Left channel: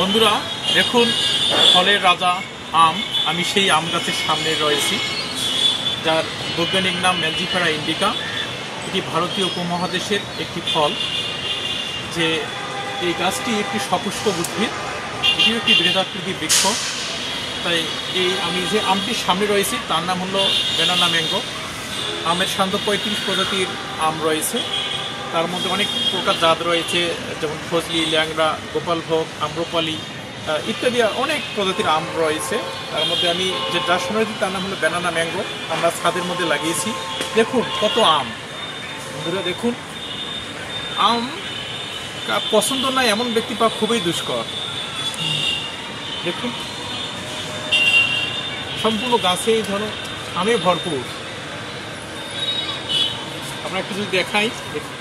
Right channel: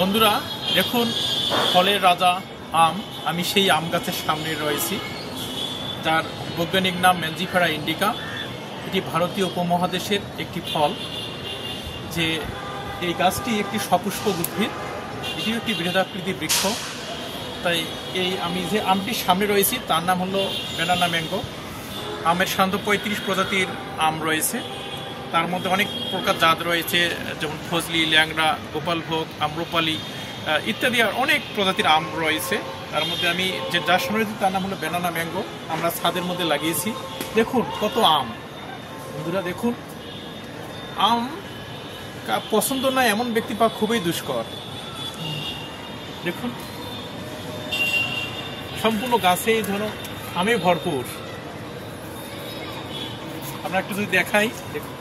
বন্ধুরা দেখুন, ফলের রাজা আম। আমি সেই আম গাছের সামনে রয়েছি, যার বৈজ্ঞানিক নাম ম্যানজিফেরা ইন্ডিকা। এটি ভারতীয় উপমহাদেশের একটি ফল। যে এই গাছটি একটি সপুষ্পক উদ্ভিদ, এটিও একটি বৃহদাকৃতির বৃক্ষ। তাই আমি যে আমটির সামনে রয়েছি তার নাম হলো ব্যানানা ম্যাঙ্গো। আমের সাধারণত 35 প্রজাতির আম রয়েছে। তার মধ্যে অনেক প্রকার জাত রয়েছে, যেমন ফজলি, ল্যাংড়া, গোপালভোগ, আম্রপালি ইত্যাদি অনেক প্রজাতির আম রয়েছে। তার মধ্যে আমি যার সামনে রয়েছি তার নাম হলো ব্যানানা ম্যাঙ্গো। আমরা ছাদের মধ্যে লাগিয়েছি। দেখুন কত আম। বন্ধুরা দেখুন, আম পছন্দ নয় এমন ব্যক্তি পাওয়া খুবই দুষ্কর। দেখুন সম্পূর্ণ গাছে ধরো আমে ভরপুর। আমরা একটু যদি দেখাই, দেখুন